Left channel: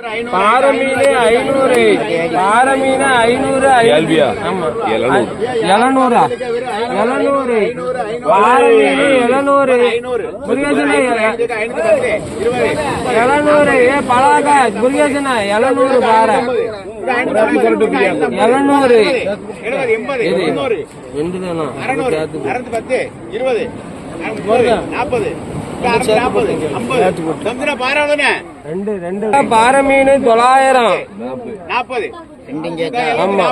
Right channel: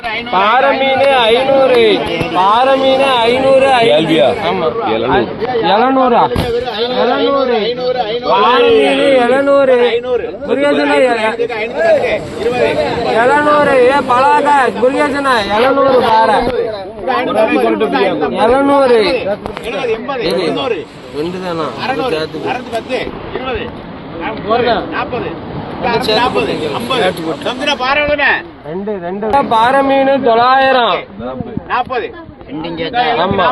பாறை மீன் ஐநூறு. ஐநூறு? ஆமா. எழுநூறு. எழுநூறா? எழுநூறு. பாறை மீன் எழுநூறு முருகேசன எழுநூறு. ஏ பழாக முருகேசன எழுநூறு பாறை எழுநூறு. ரெண்டு தானா? சேர்த்து ரெண்டு ரெண்டு. பாறை மீன் தொள்ளாயிரம். ஆமா.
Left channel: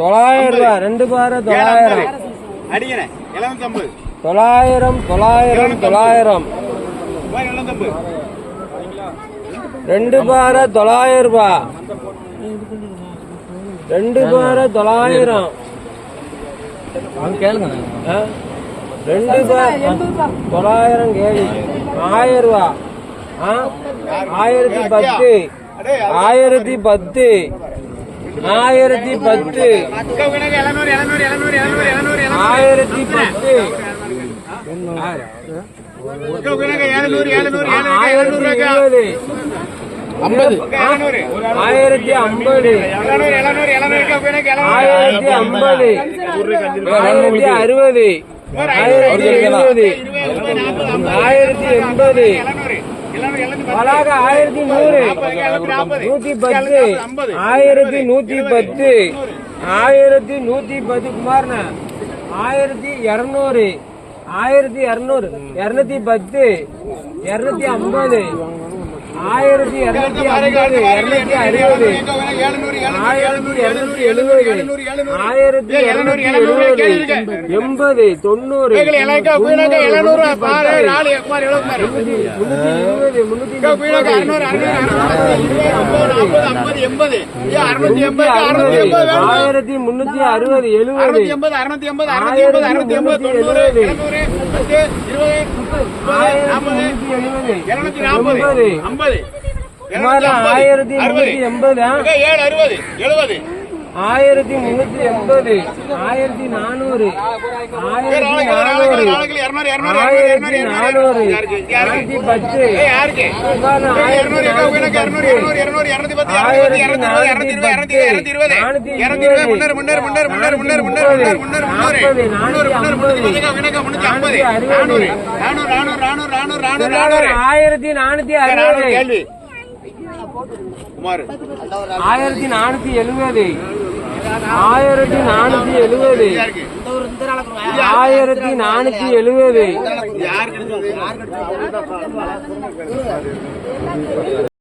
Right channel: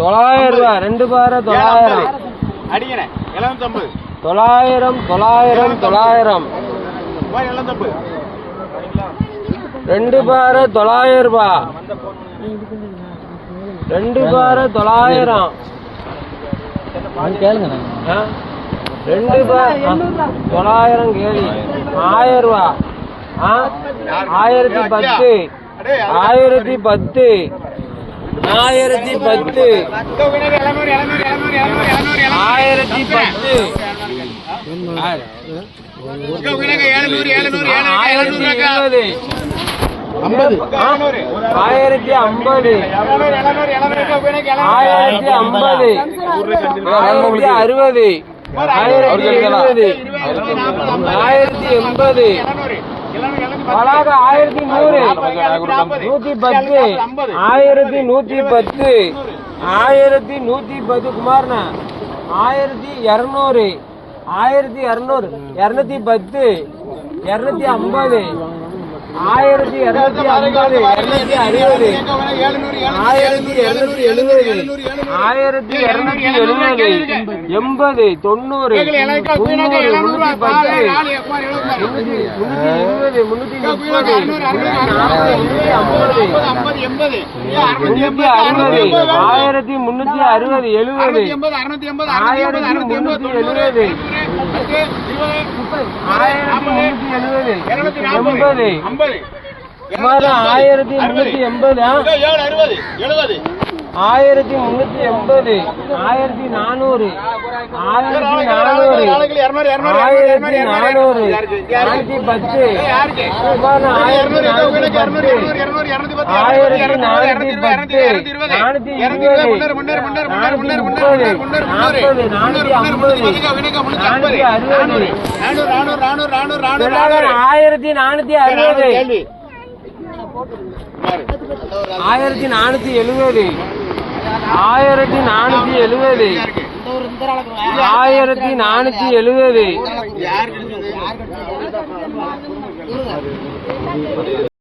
தொள்ளாயிரம் ரெண்டு பாறை தொள்ளாயிரம். தொள்ளாயிரம் தொள்ளாயிரம் தொள்ளாயிரம். ரெண்டு பாறை தொள்ளாயிரம் ரூபா. ரெண்டு பாறை தொள்ளாயிரம். கேளுங்க ரெண்டு பாறை தொள்ளாயிரம் கேள்வி. ஆயிரம் ரூபா. ஆ? ஆயிரத்தி பத்து. ஆயிரத்தி பத்து. ஆயிரத்தி பத்து. ஆயிரத்தி பத்து. ஆயிரத்தி இருபது. ஆயிரத்தி ஐம்பது. ஆயிரத்தி ஐம்பது. ஆயிரத்தி அறுபது. ஆயிரத்தி எழுபது. ஆயிரத்தி எண்பது. பலாக ஆயிரத்தி நூறு. நூத்தி பத்து. ஆயிரத்தி நூத்தி பத்து. ஆயிரத்தி நூத்தி பத்து குமார்ண்ணா ஆயிரத்தி இருநூறு. ஆயிரத்தி இருநூறு. இருநூத்தி பத்து. இருநூத்தி ஐம்பது. ஆயிரத்தி இருநூத்தி ஐம்பது இருநூத்தி அறுபது ஆயிரத்தி இருநூத்தி எழுபது ஆயிரத்தி இருநூத்தி எழுபது எண்பது தொண்ணூறு ஆயிரத்தி முன்னூத்தி அறுபது எழுபது ஆயிரத்தி முன்னூத்தி எழுபது ஆயிரத்தி முன்னூத்தி எழுபது. எண்பது. ஆயிரத்தி முன்னூத்தி எண்பது ஆயிரத்தி முன்னூத்தி எண்பது ஆயிரத்தி நானூறு ஆயிரத்தி நானூறு ஆயிரத்தி நானூறு ஆயிரத்தி பத்து ஆயிரத்தி நானூத்தி பத்து ஆயிரத்தி நானூத்தி அறுபது ஆயிரத்தி நானூத்தி எழுபது ஆயிரத்தி நானூத்தி எழுபது ஆயிரத்தி நானூத்தி எழுபது